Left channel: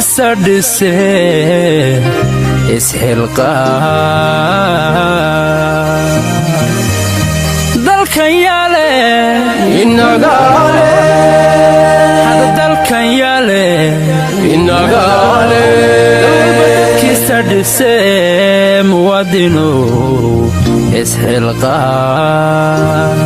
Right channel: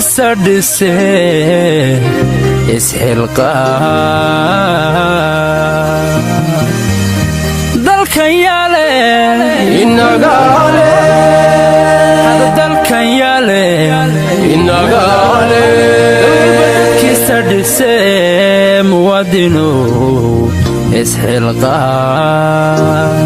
sardise isxilqaan dalkan yaale inagaale hada dalkan yaale inagaale kii sardise muwaadino isxilqaan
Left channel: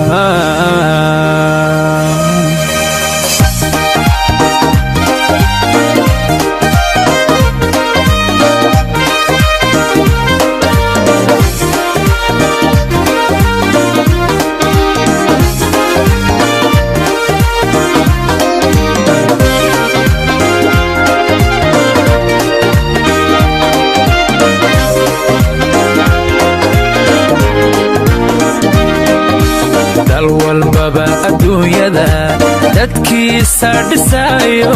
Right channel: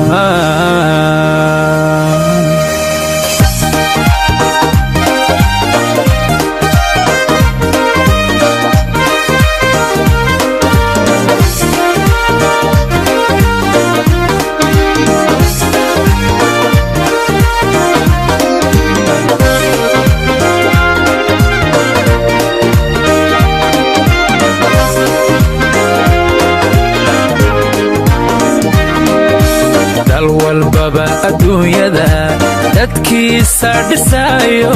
sardhisayo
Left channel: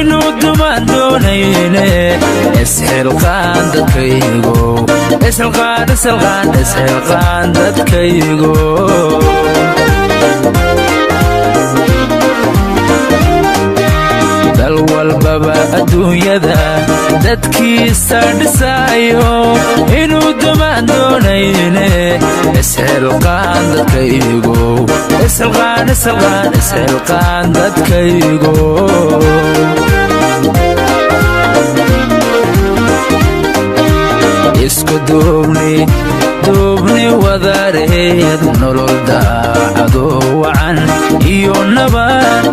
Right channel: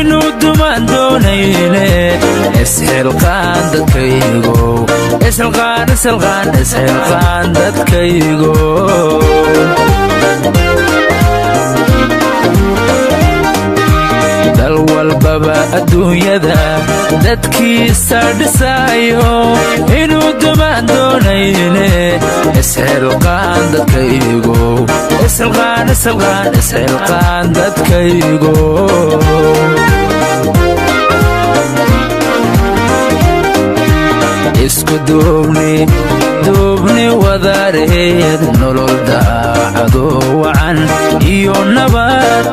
inuu dumaan doonayne isxilqaan dadkaygo isxilqaan dadkaygo dal walbaba adduunyada dadkii sardhisayo inuu dumaan doonayne isxilqaan dadkaygo isxilqaan dadkaygo isku duubni wadareed nolol daacado wacan iyo nabad